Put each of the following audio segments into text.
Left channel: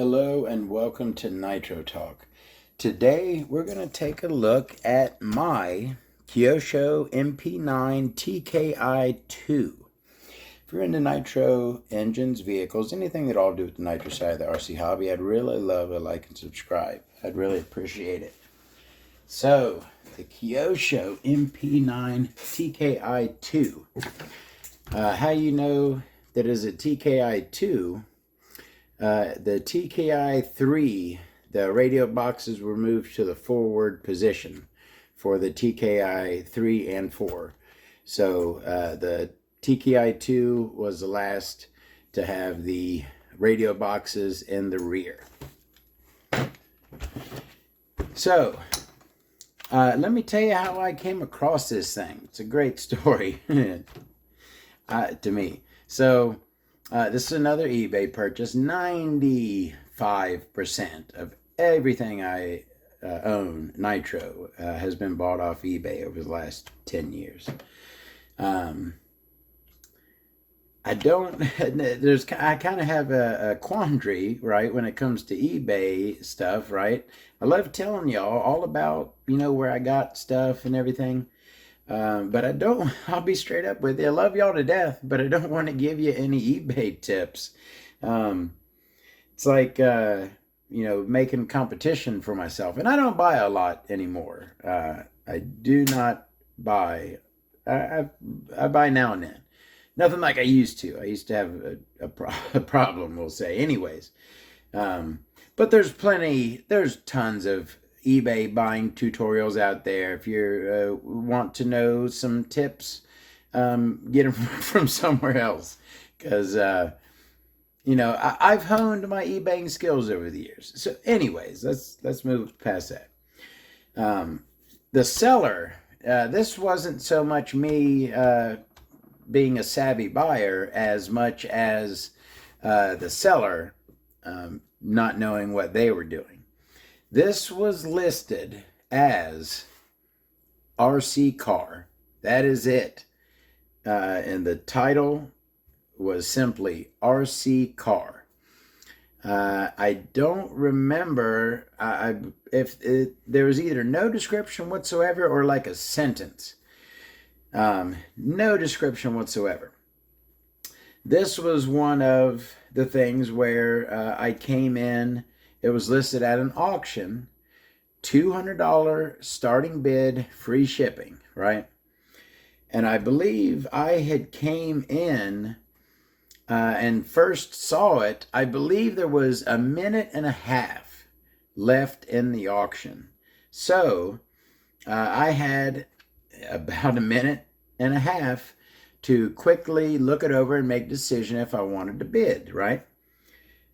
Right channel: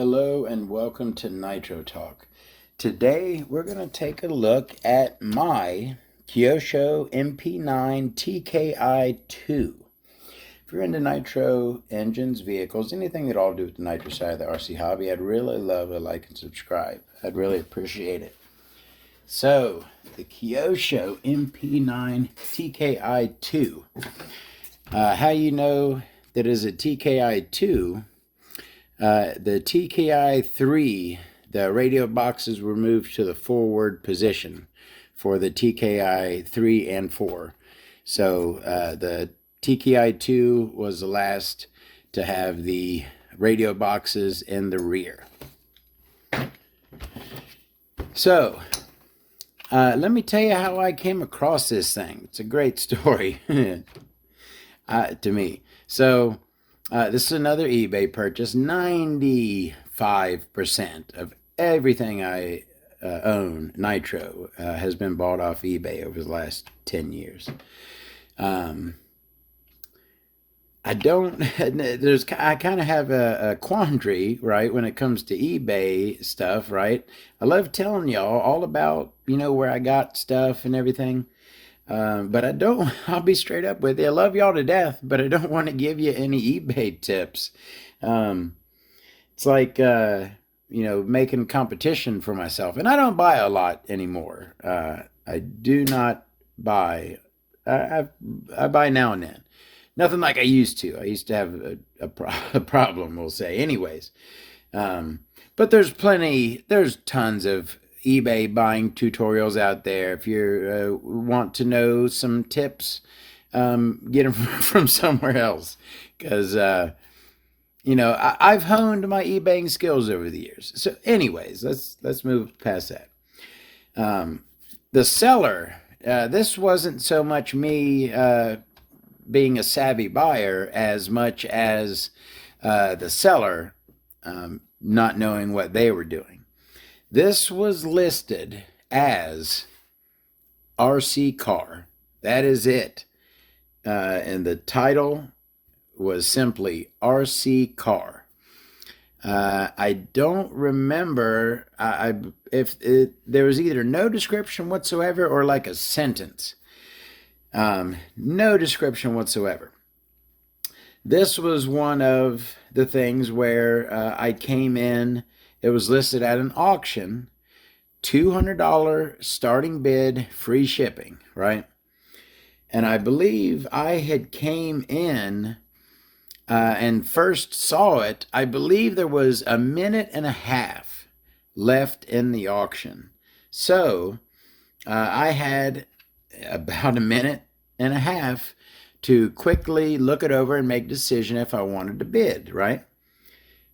Hello and welcome to Nitro Talk. Today we're going to take a look at my Kyosho MP9 TKI2. If you're into nitro engines, vehicles, anything that all do with the nitro side of the RC hobby, I'd really love a like and subscribe. I'd really appreciate it. So, the Kyosho MP9 TKI2. How you know that is a TKI2? The TKI3, the radio boxes were moved to the forward position for the TKI3 and 4. So the TKI2 was the last to have the radio boxes in the rear. So let me tell you how I came across this thing. It's a great story to me. So this is another eBay purchase. 95% of everything I own, Nitro, has been bought off eBay over the last 10 years. I kind of have a quandary, right, when it comes to eBay stuff, right? I love telling y'all all about, where I got stuff and everything. But I'll be straight up with you. I love y'all to death, but I don't want to give you any eBay tips. It's like, making competition for myself. And I don't buy a lot anymore. I do not buy. I buy now and then. Nothing like I used to. I used to have a problem, we'll say. Anyways, but there's tons of eBay buying tutorials out there. If you want to know some tips, get them from somewhere else, because I've honed my eBaying skills over the years. So anyways, let's move past that. The seller, this wasn't so much me being a savvy buyer as much as the seller not knowing what they were doing. This was listed as RC car. That is it. And the title was simply RC car. I don't remember if there was either no description whatsoever or like a sentence. No description whatsoever. This was one of the things where I came in. It was listed at an auction, $200 starting bid, free shipping, right? And I believe I had came in and first saw it. I believe there was a minute and a half left in the auction. So I had about a minute and a half to quickly look it over and make a decision if I wanted to bid, right?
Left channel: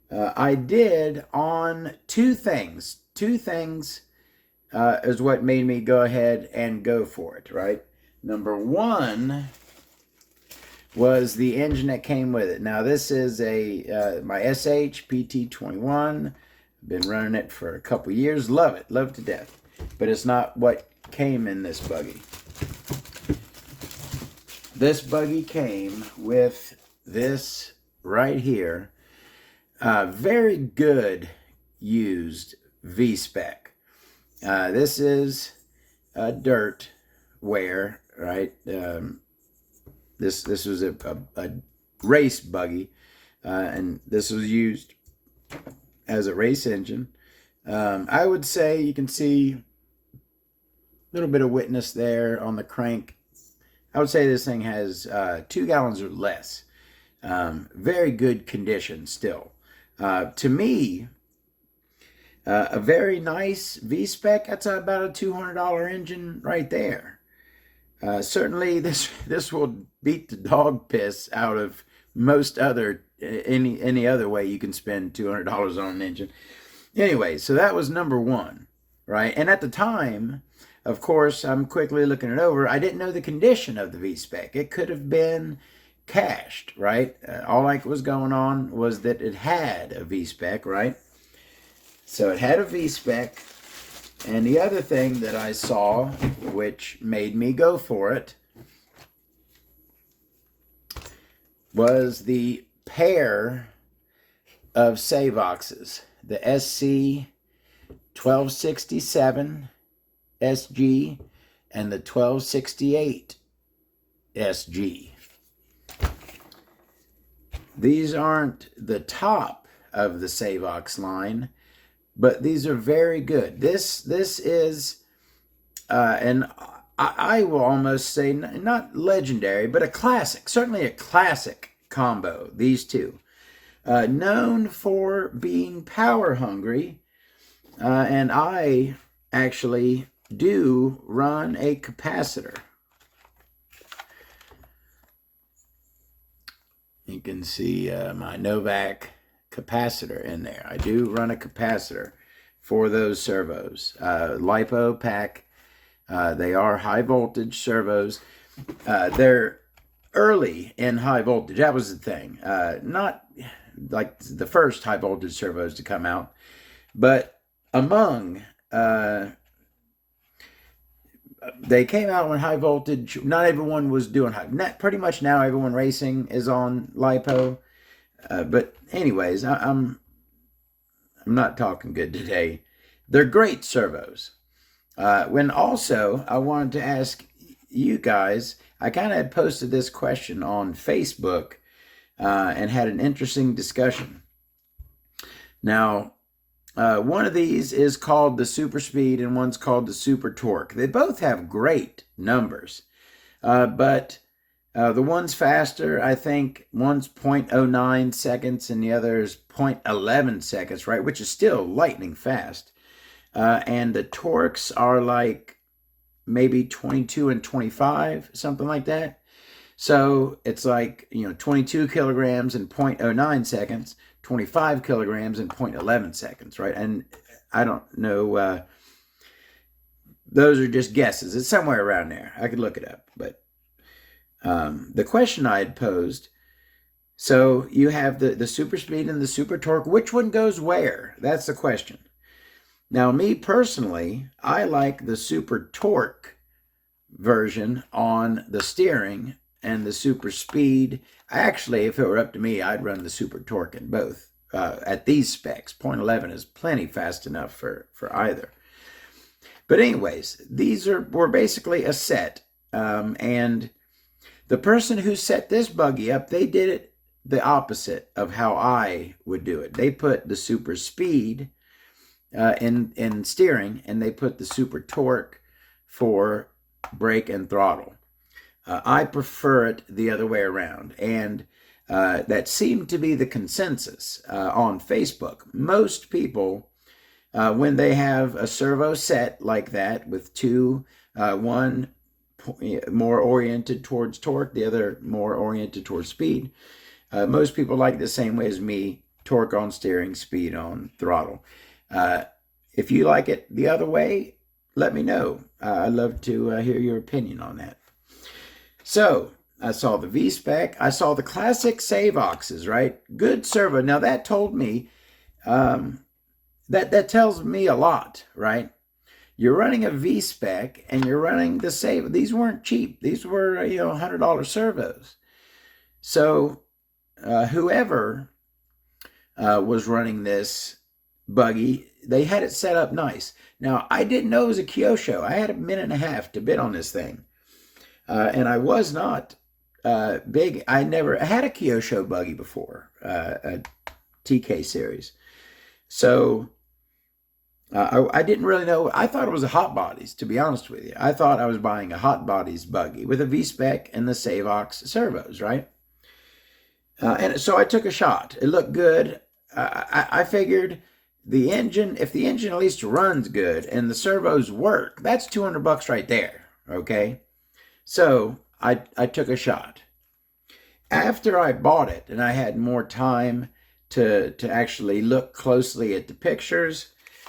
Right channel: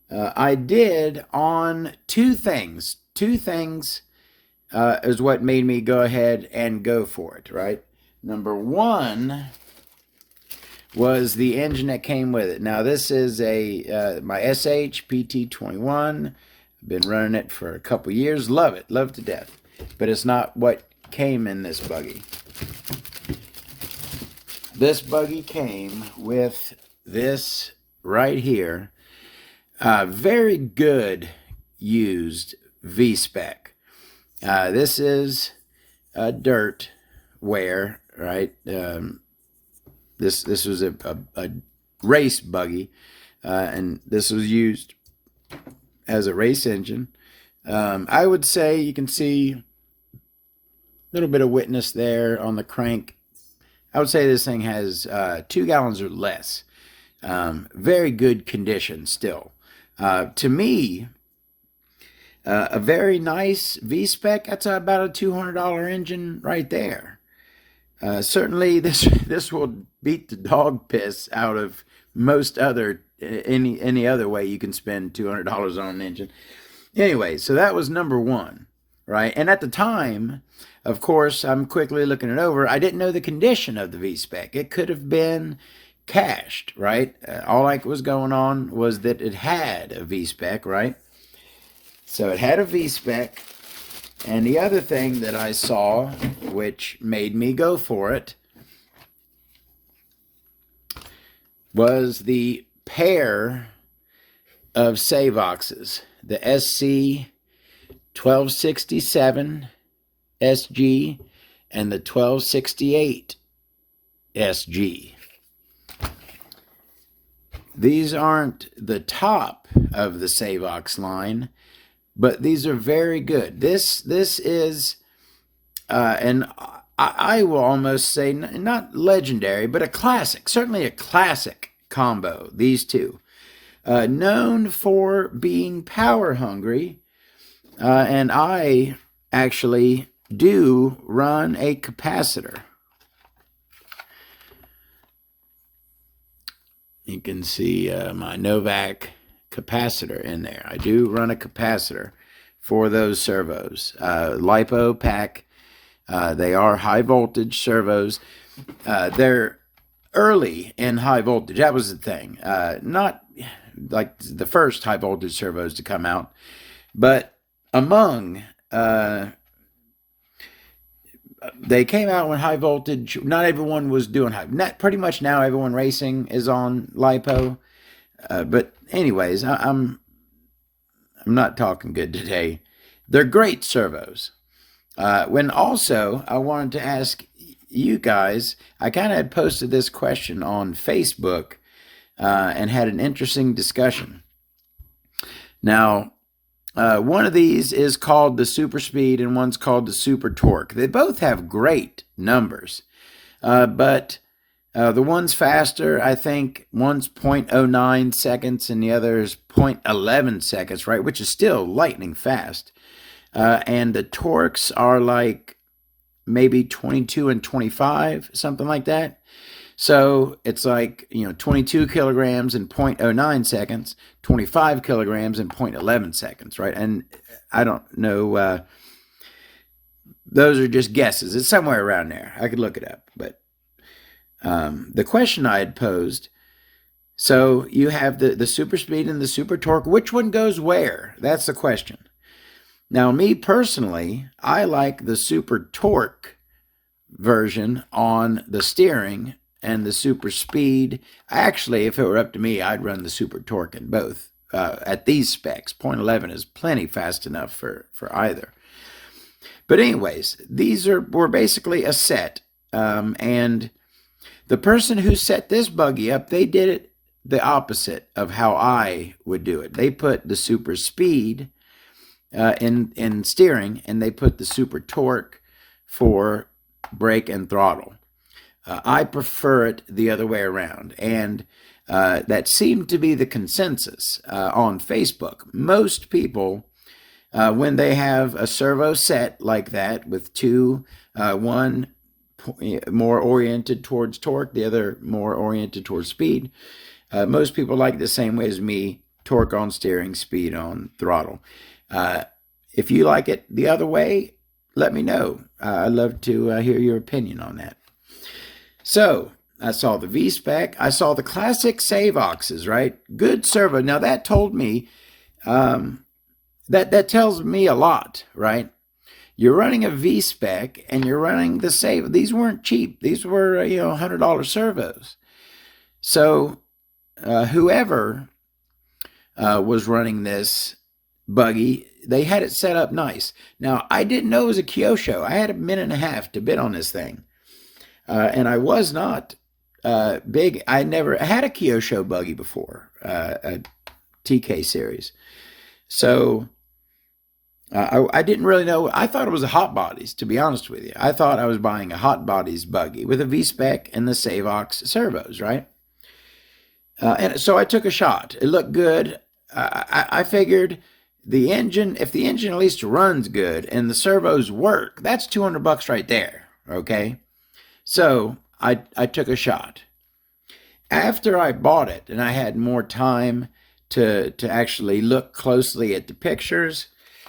I did on two things. Two things is what made me go ahead and go for it, right? Number one was the engine that came with it. Now, this is my SH PT21. I've been running it for a couple years. Love it. Love to death. But it's not what came in this buggy. This buggy came with this right here. Very good used V-spec. This is a dirt wear, right? This was a race buggy, and this was used as a race engine. I would say you can see a little bit of witness there on the crank. I would say this thing has 2 gallons or less. Very good condition still. To me, a very nice V-spec, that's about a $200 engine right there. Certainly this will beat the dog piss out of most other, any other way you can spend $200 on an engine. Anyway, so that was number one, right? And at the time, of course, I'm quickly looking it over. I didn't know the condition of the V-spec. It could have been cached, right? All I was going on was that it had a V-spec, right? So it had a V-spec. And the other thing that I saw, which made me go for it, was the pair of Savoxes. the SC 1267 SG and the 1268 SG. These aren't the top of the Savox line, but these are very good. This is, and I will almost say not legendary, but a classic, certainly a classic combo, these two. Known for being power hungry, and I actually do run a capacitor. You can see my Novak capacitor in there. I do run a capacitor for those servos. LiPo pack. They are high voltage servos. They're early in high voltage. That was the thing. Not like the first high voltage servos to come out, but among they came out when high voltage, not everyone was doing high. Pretty much now everyone racing is on LiPo. But anyways, I'm not talking good today. They're great servos. When also, I wanted to ask you guys, I kind of had posted this question on Facebook and had an interesting discussion. Now, one of these is called the Super Speed and one's called the Super Torque. They both have great numbers, but the one's faster. I think one's 0.09 seconds and the other is 0.11 seconds, right? Which is still lightning fast. And the torques are like maybe 22 and 25, something like that. So it's like, 22 kilograms in 0.09 seconds, 25 kilograms in 0.11 seconds, right? And I don't know, those are just guesses. It's somewhere around there. I could look it up. But the question I had posed, so you have the Super Speed and the Super Torque. Which one goes where? That's the question. Now, me personally, I like the Super Torque version on the steering and the Super Speed. Actually, if it were up to me, I'd run the Super Torque in both. At these specs, 0.11 is plenty fast enough for either. But anyways, these were basically a set. And the person who set this buggy up, they did it the opposite of how I would do it. They put the Super Speed in steering, and they put the Super Torque for brake and throttle. I prefer it the other way around, and that seemed to be the consensus on Facebook. Most people, when they have a servo set like that with two, one more oriented towards torque, the other more oriented towards speed, most people like it the same way as me, torque on steering, speed on throttle. If you like it the other way, let me know. I'd love to hear your opinion on that. So I saw the V-Spec. I saw the classic Savoxes, right? Good servo. Now that told me, that tells me a lot, right? You're running a V-Spec and you're running the Savox. These weren't cheap. These were, $100 servos. So whoever was running this buggy, they had it set up nice. Now, I didn't know it was a Kyosho. I had a minute and a half to bid on this thing. And I was not big. I never had a Kyosho buggy before, a TK series. So I didn't really know. I thought it was a Hot Bodies, to be honest with you. I thought I was buying a Hot Bodies buggy with a V-Spec and the Savox servos, right? And so I took a shot. It looked good. I figured the engine, if the engine at least runs good and the servos work, that's $200 right there, okay? So I took a shot. After I bought it and I had more time to actually look closely at the pictures,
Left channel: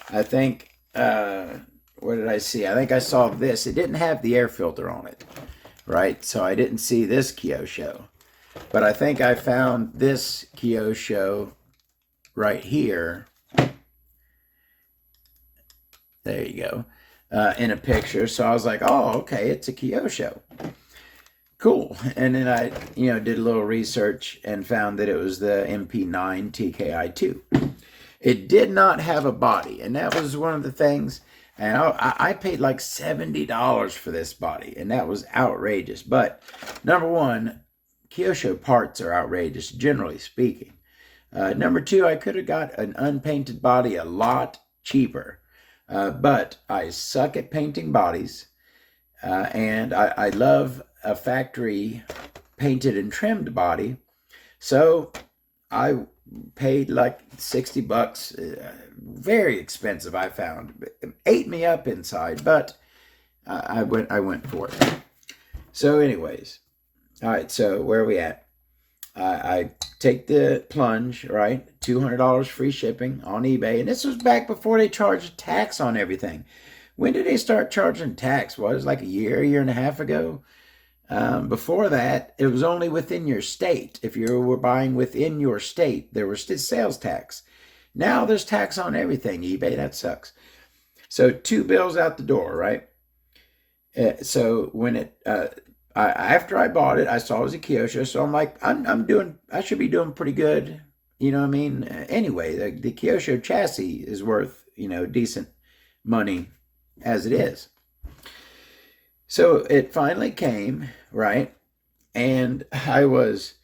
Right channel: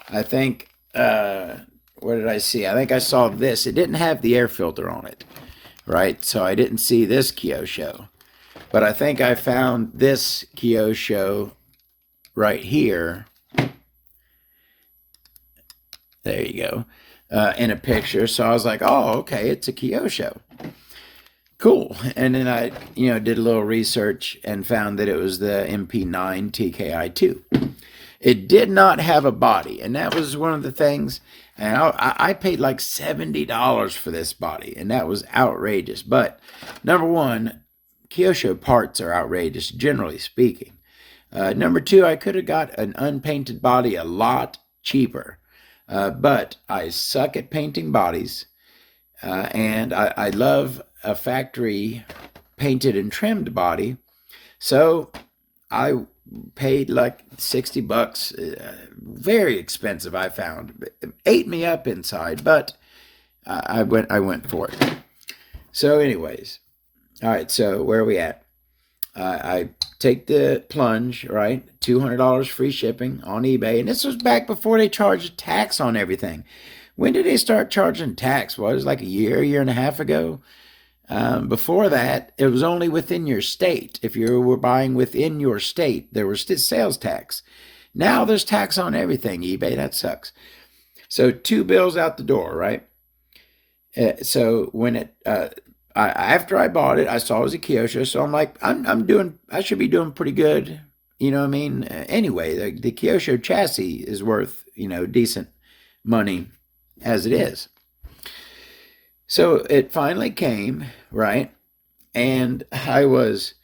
I think, what did I see? I think I saw this. It didn't have the air filter on it, right? So I didn't see this Kyosho. But I think I found this Kyosho right here. There you go. In a picture. So I was like, oh, okay, it's a Kyosho. Cool. And then I, did a little research and found that it was the MP9 TKI2. It did not have a body, and that was one of the things. And I paid like $70 for this body, and that was outrageous. But number one, Kyosho parts are outrageous, generally speaking. Number two, I could have got an unpainted body a lot cheaper. But I suck at painting bodies, and I love a factory painted and trimmed body. So I paid like $60, very expensive. I found it ate me up inside, but I went for it. So, anyways, all right. So where are we at? I take the plunge, right? $200 free shipping on eBay, and this was back before they charged tax on everything. When did they start charging tax? Well, it was like a year and a half ago. Before that, it was only within your state. If you were buying within your state, there was still sales tax. Now there's tax on everything, eBay. That sucks. So 2 bills out the door, right? So when after I bought it, I saw it was a Kyosho. So I'm like, I should be doing pretty good. You know what I mean? Anyway, the Kyosho chassis is worth, decent money as it is. So it finally came, right? And I was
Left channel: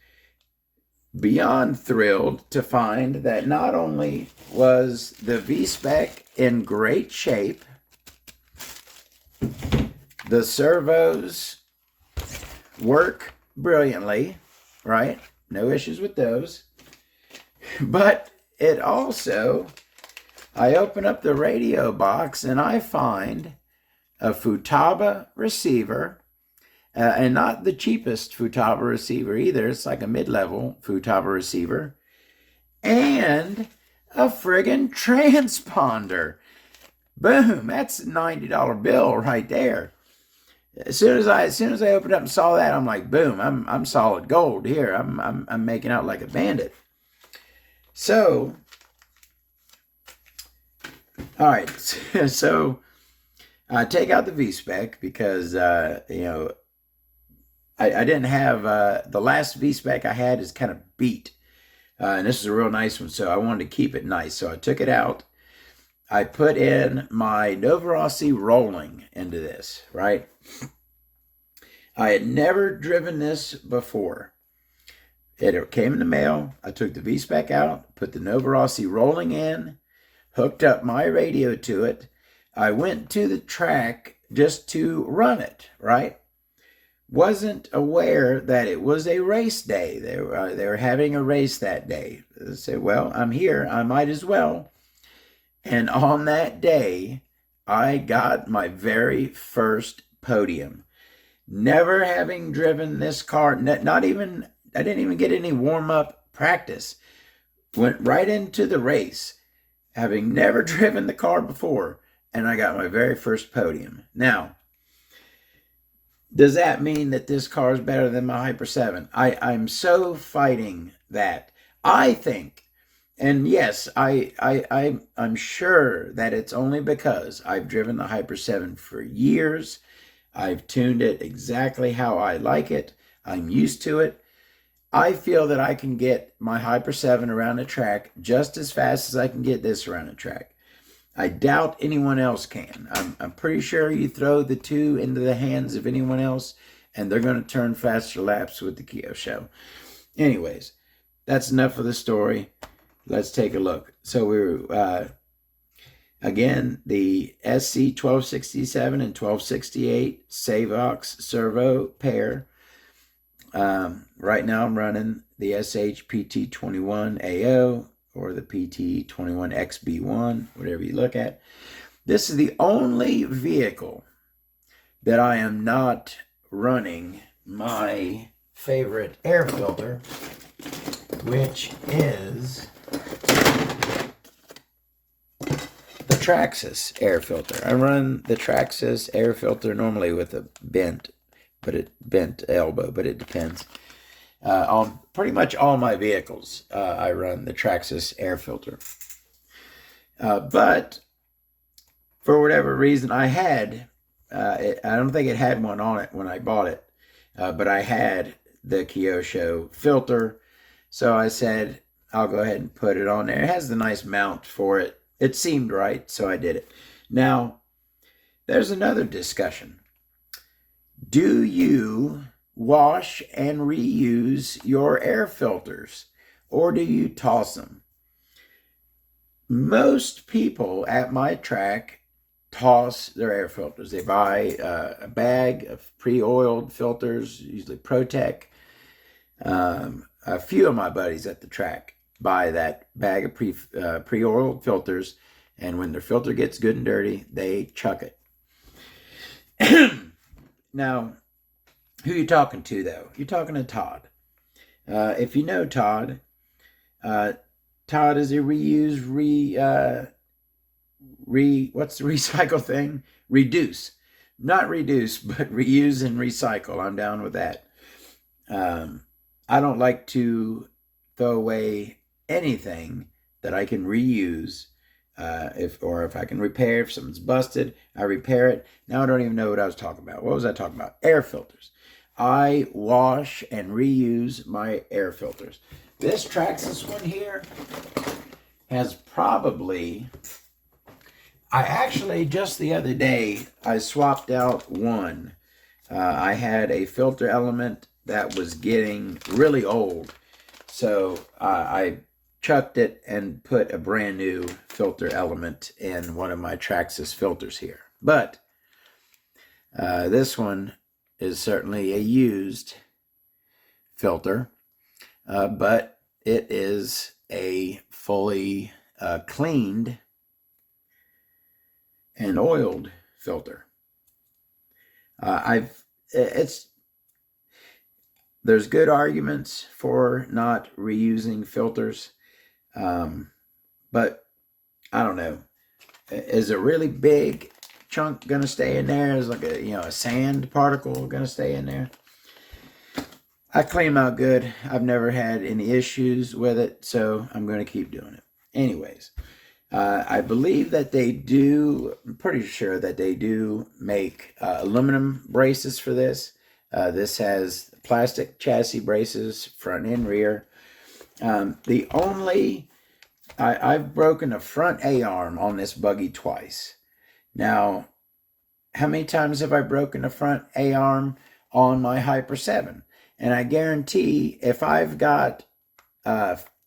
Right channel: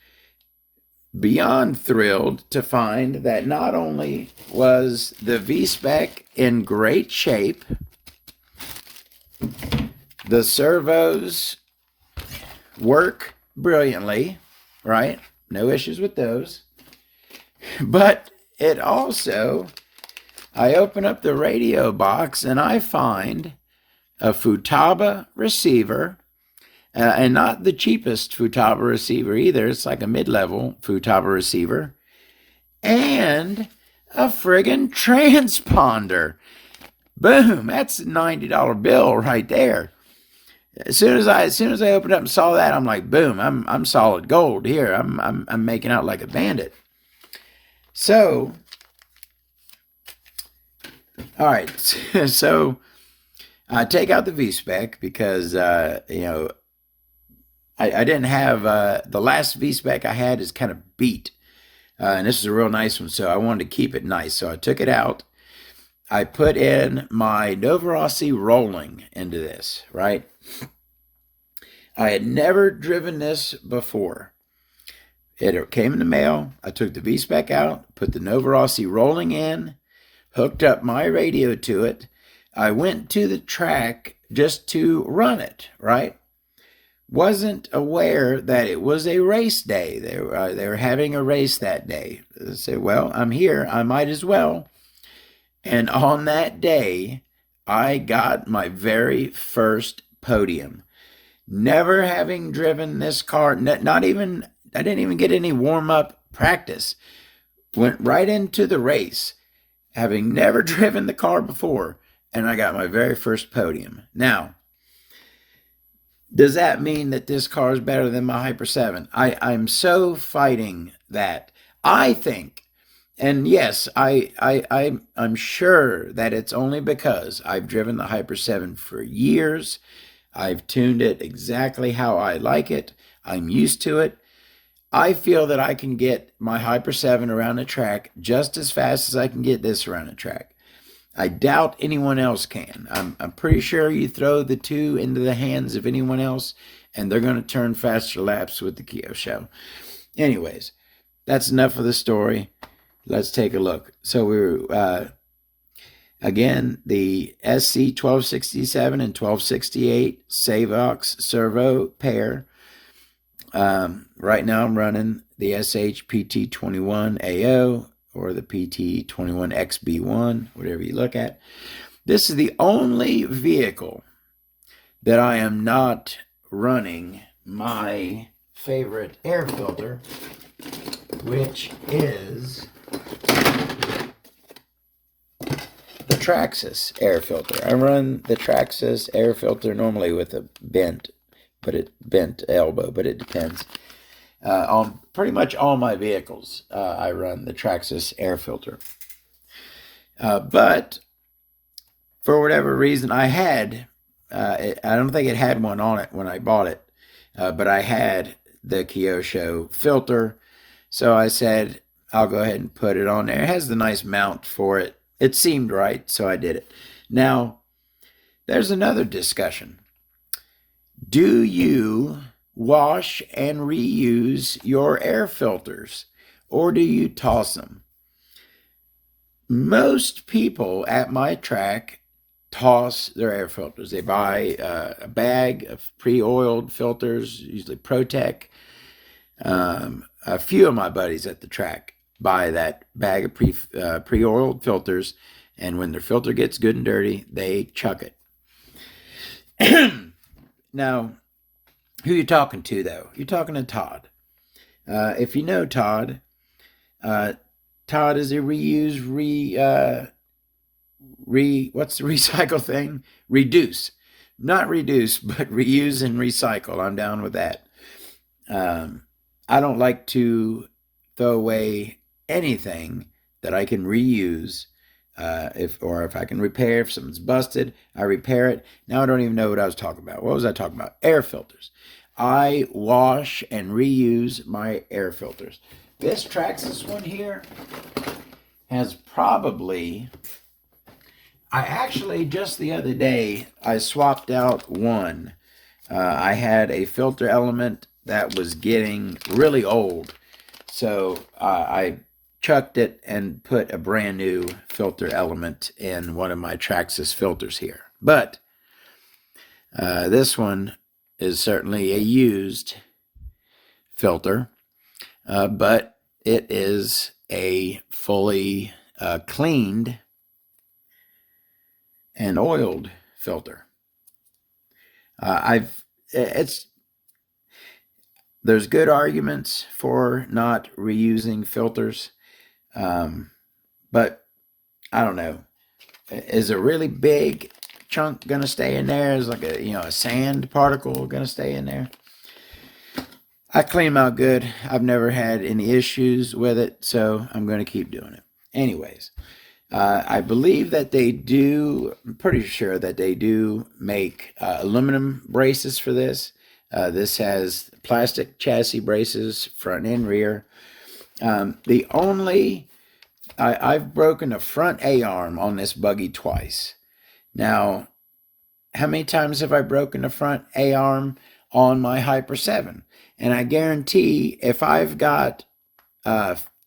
beyond thrilled to find that not only was the V-Spec in great shape, the servos work brilliantly, right? No issues with those. But it also, I open up the radio box and I find a Futaba receiver, and not the cheapest Futaba receiver either. It's like a mid-level Futaba receiver, and a friggin' transponder. Boom! That's a $90 bill right there. As soon as I opened up and saw that, I'm like, boom! I'm solid gold here. I'm making out like a bandit. So, all right. So I take out the V-Spec because, I didn't have, the last V-Spec I had is kind of beat. And this is a real nice one, so I wanted to keep it nice. So I took it out. I put in my Novarossi rolling into this, right? I had never driven this before. It came in the mail. I took the V-Spec out, put the Novarossi rolling in, hooked up my radio to it. I went to the track just to run it, right? Wasn't aware that it was a race day. They were having a race that day. I said, well, I'm here. I might as well. And on that day, I got my very first podium. Never having driven this car, I didn't even get any warm-up practice. Went right into the race, having never driven the car before. And I got my very first podium. Now, does that mean that this car is better than my Hyper 7? I'm so fighting that. I think, and yes, I'm sure that it's only because I've driven the Hyper 7 for years. I've tuned it exactly how I like it. I'm used to it. I feel that I can get my Hyper 7 around the track just as fast as I can get this around the track. I doubt anyone else can. I'm pretty sure you throw the two into the hands of anyone else, and they're going to turn faster laps with the Kyosho. Anyways, that's enough of the story. Let's take a look. So we're, again, the SC 1267 and 1268 Savox servo pair. Right now I'm running the SH PT21A0 or the PT21XB1, whatever you look at. This is the only vehicle that I am not running my favorite air filter, which is the Traxxas air filter. I run the Traxxas air filter normally with a bent elbow, but it depends. On pretty much all my vehicles, I run the Traxxas air filter. But for whatever reason, I don't think it had one on it when I bought it, but I had the Kyosho filter. So I said, I'll go ahead and put it on there. It has the nice mount for it. It seemed right, so I did it. Now, there's another discussion. Do you wash and reuse your air filters, or do you toss them? Most people at my track toss their air filters. They buy a bag of pre-oiled filters, usually ProTech. A few of my buddies at the track buy that bag of pre-oiled filters, and when their filter gets good and dirty, they chuck it. Now, who are you talking to, though? You're talking to Todd. If you know Todd, Todd is a what's the recycle thing? Reduce. Not reduce, but reuse and recycle. I'm down with that. I don't like to throw away anything that I can reuse. If I can repair, if something's busted, I repair it. Now I don't even know what I was talking about. What was I talking about? Air filters. I wash and reuse my air filters. This Traxxas one here has probably, I actually just the other day, I swapped out one. I had a filter element that was getting really old. So I chucked it and put a brand new filter element in one of my Traxxas filters here. But this one is certainly a used filter, but it is a fully cleaned and oiled filter. There's good arguments for not reusing filters. But I don't know. Is a really big chunk going to stay in there? Is like a sand particle going to stay in there? I clean them out good. I've never had any issues with it, so I'm going to keep doing it. Anyways, I believe that they do, I'm pretty sure that they do make aluminum braces for this. This has plastic chassis braces, front and rear. I've broken a front A-arm on this buggy twice. Now, how many times have I broken a front A-arm on my Hyper 7? And I guarantee if I've got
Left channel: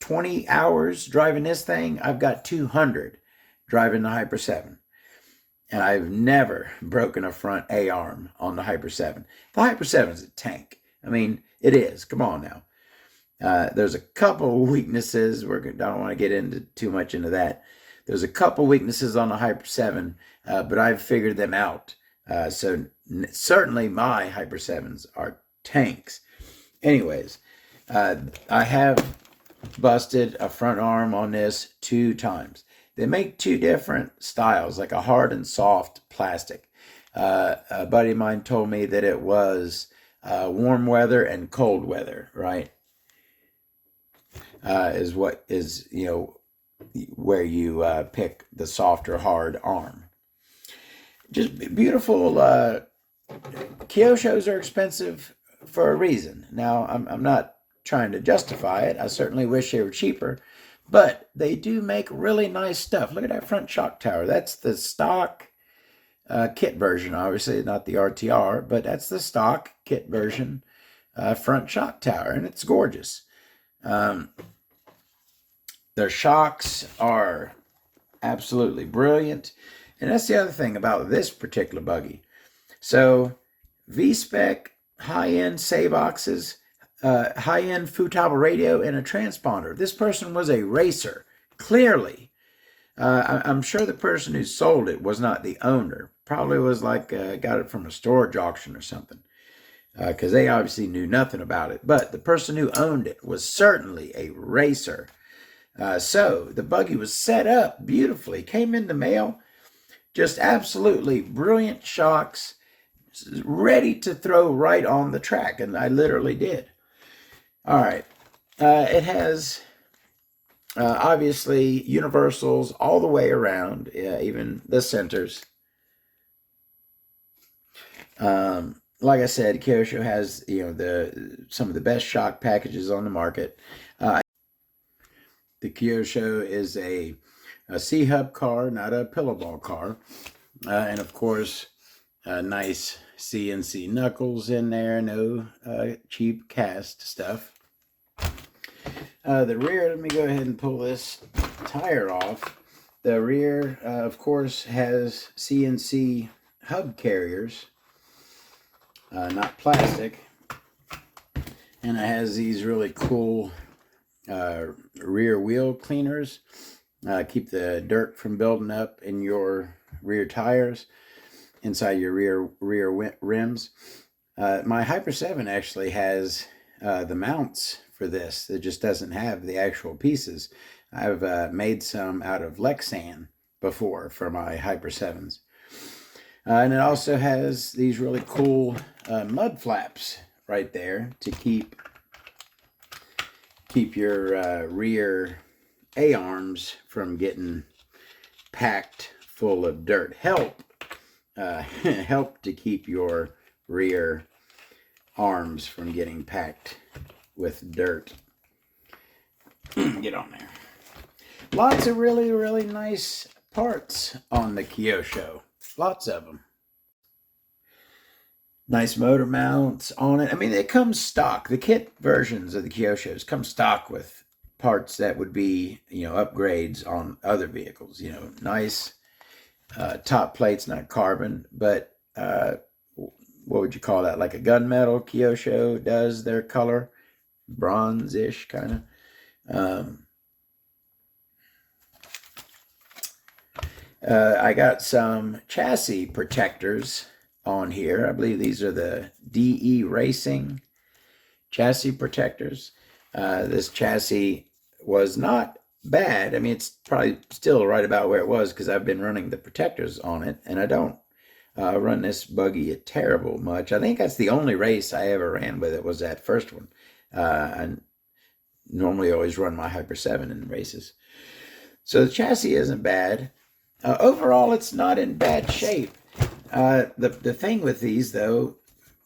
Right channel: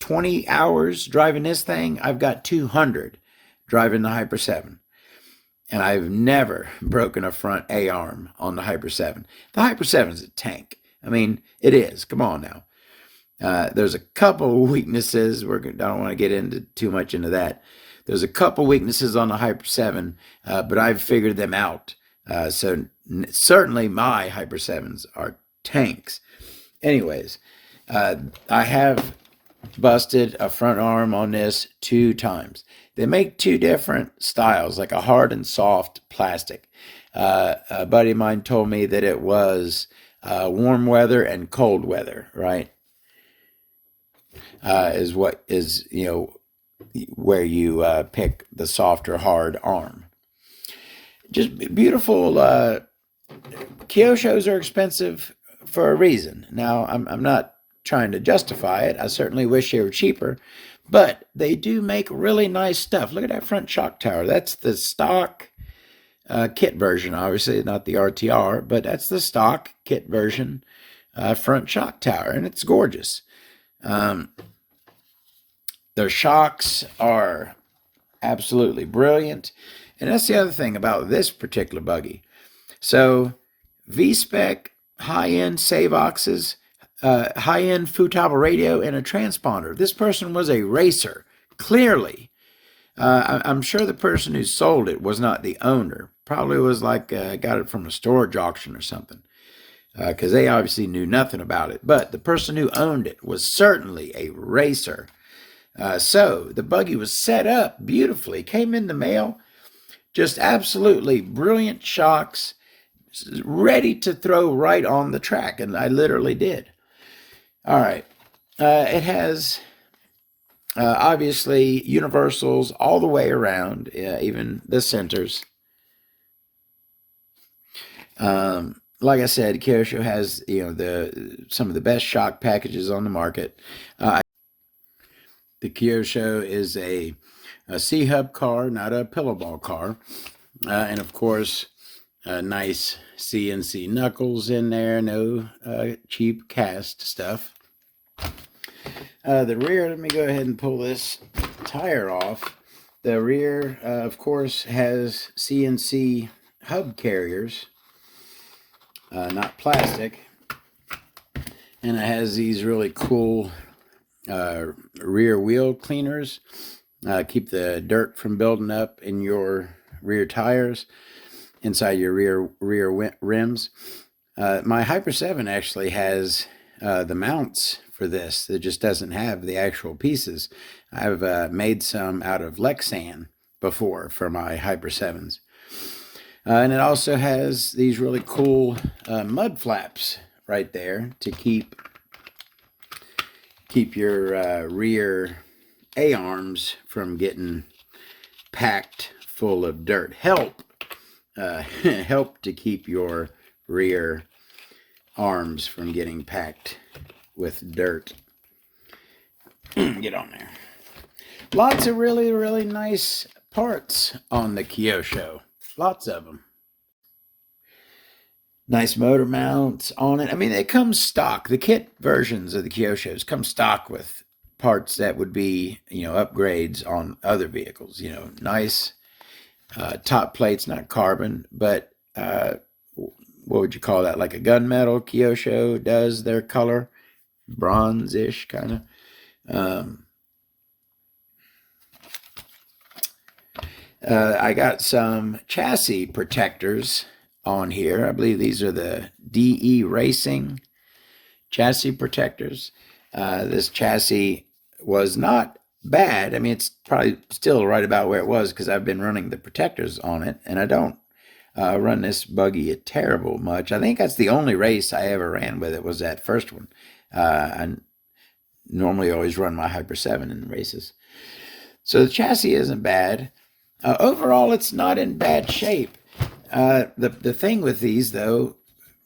20 hours driving this thing, I've got 200 driving the Hyper 7. And I've never broken a front A-arm on the Hyper 7. The Hyper 7 is a tank. I mean, it is. Come on now. There's a couple weaknesses. I don't want to get into too much into that. There's a couple weaknesses on the Hyper 7, but I've figured them out. So certainly my Hyper 7s are tanks. Anyways, I have busted a front arm on this 2 times. They make 2 different styles, like a hard and soft plastic. A buddy of mine told me that it was warm weather and cold weather, right? Is what is, where you pick the soft or hard arm. Just beautiful. Kyoshos are expensive for a reason. Now, I'm not trying to justify it. I certainly wish they were cheaper, but they do make really nice stuff. Look at that front shock tower. That's the stock kit version, obviously, not the RTR, but that's the stock kit version front shock tower, and it's gorgeous. Their shocks are absolutely brilliant. And that's the other thing about this particular buggy. So V-spec, high-end Savoxes, high-end Futaba radio, and a transponder. This person was a racer, clearly. I'm sure the person who sold it was not the owner. Probably was like, got it from a storage auction or something. Because they obviously knew nothing about it. But the person who owned it was certainly a racer. So the buggy was set up beautifully, came in the mail, just absolutely brilliant shocks, ready to throw right on the track, and I literally did. All right, it has obviously universals all the way around, even the centers. Like I said, Kyosho has some of the best shock packages on the market. The Kyosho is a C-hub car, not a pillowball car. And of course, nice CNC knuckles in there, no cheap cast stuff. The rear, let me go ahead and pull this tire off. The rear, of course, has CNC hub carriers, not plastic. And it has these really cool rear wheel cleaners. Keep the dirt from building up in your rear tires, inside your rear rims. My Hyper 7 actually has the mounts for this. It just doesn't have the actual pieces. I've made some out of Lexan before for my Hyper 7s. And it also has these really cool mud flaps right there to keep your rear A-arms from getting packed full of dirt. Help to keep your rear arms from getting packed with dirt. Get on there. Lots of really, really nice parts on the Kyosho. Lots of them. Nice motor mounts on it. I mean, it comes stock. The kit versions of the Kyoshos come stock with parts that would be, upgrades on other vehicles. Nice top plates, not carbon, but what would you call that? Like a gunmetal. Kyosho does their color, bronze-ish kind of. I got some chassis protectors on here. I believe these are the DE Racing chassis protectors. This chassis was not bad. I mean, it's probably still right about where it was because I've been running the protectors on it, and I don't run this buggy a terrible much. I think that's the only race I ever ran with it was that first one. I normally always run my Hyper 7 in races. So the chassis isn't bad. Overall, it's not in bad shape. The thing with these, though,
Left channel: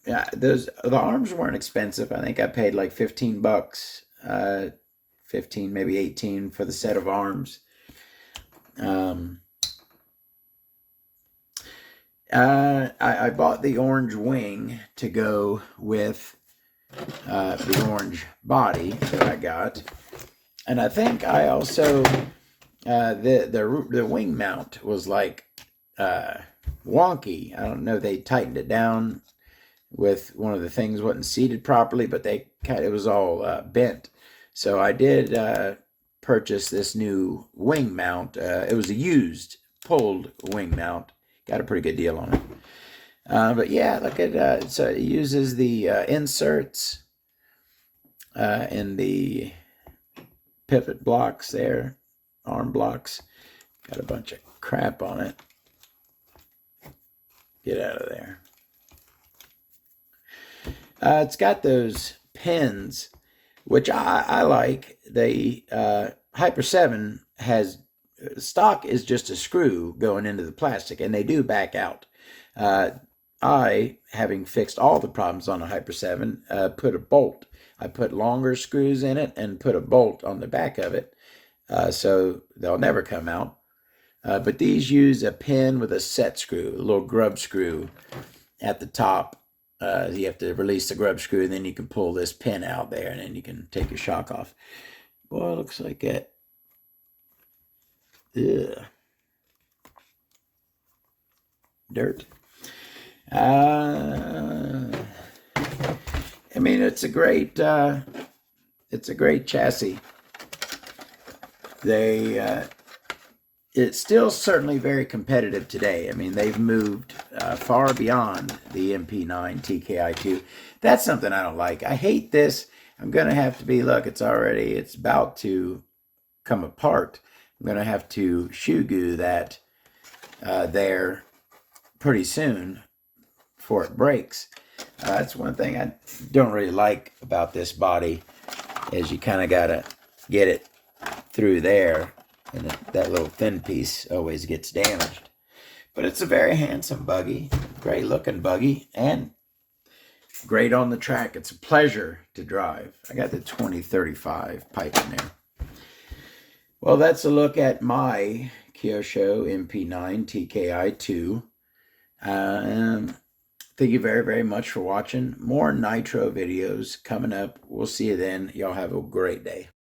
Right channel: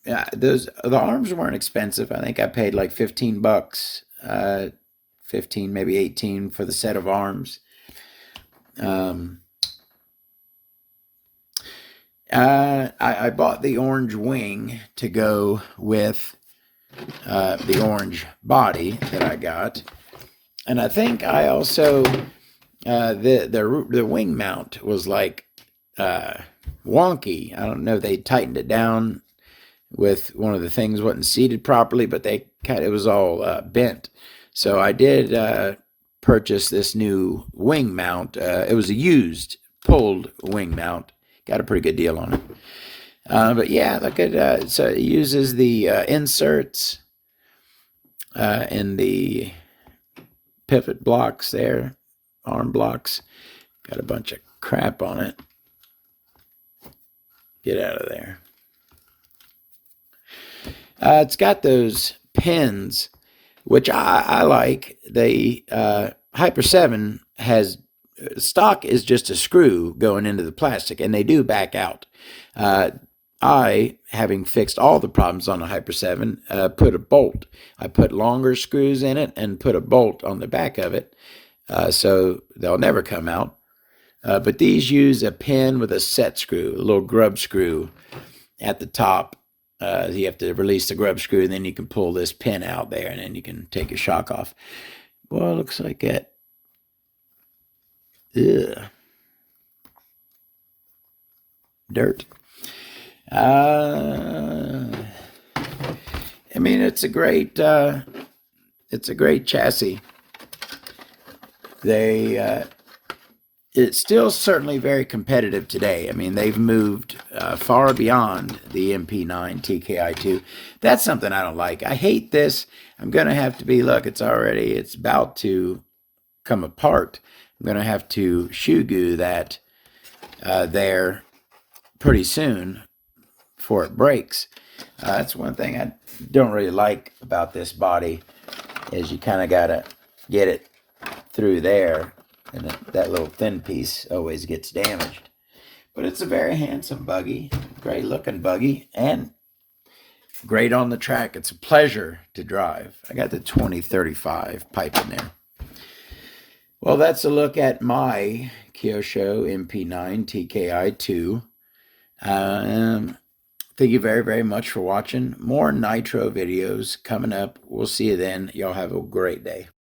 the arms weren't expensive. I think I paid like $15, 15, maybe 18 for the set of arms. I bought the orange wing to go with the orange body that I got, and I think I also the wing mount was like wonky. I don't know. They tightened it down with one of the things wasn't seated properly, but it was all bent. So I did purchase this new wing mount. It was a used pulled wing mount. Got a pretty good deal on it. But yeah, look at so it uses the inserts and the pivot blocks there, arm blocks. Got a bunch of crap on it. Get out of there. It's got those pins, which I like. The Hyper 7 has stock is just a screw going into the plastic, and they do back out. I, having fixed all the problems on a Hyper 7, put a bolt. I put longer screws in it and put a bolt on the back of it, so they'll never come out. But these use a pin with a set screw, a little grub screw at the top. You have to release the grub screw, and then you can pull this pin out there, and then you can take your shock off. Well, it looks like that. Ugh. Dirt. I mean, it's a great chassis. It's still certainly very competitive today. I mean, they've moved far beyond the MP9 TKI2. That's something I don't like. I hate this. I'm going to have to be, look, it's about to come apart. I'm going to have to shoe glue that there pretty soon before it breaks. That's one thing I don't really like about this body is you kind of got to get it through there, and that little thin piece always gets damaged. But it's a very handsome buggy, great looking buggy, and great on the track. It's a pleasure to drive. I got the 2035 pipe in there. Well, that's a look at my Kyosho MP9 TKI2. Thank you very, very much for watching. More nitro videos coming up. We'll see you then. Y'all have a great day.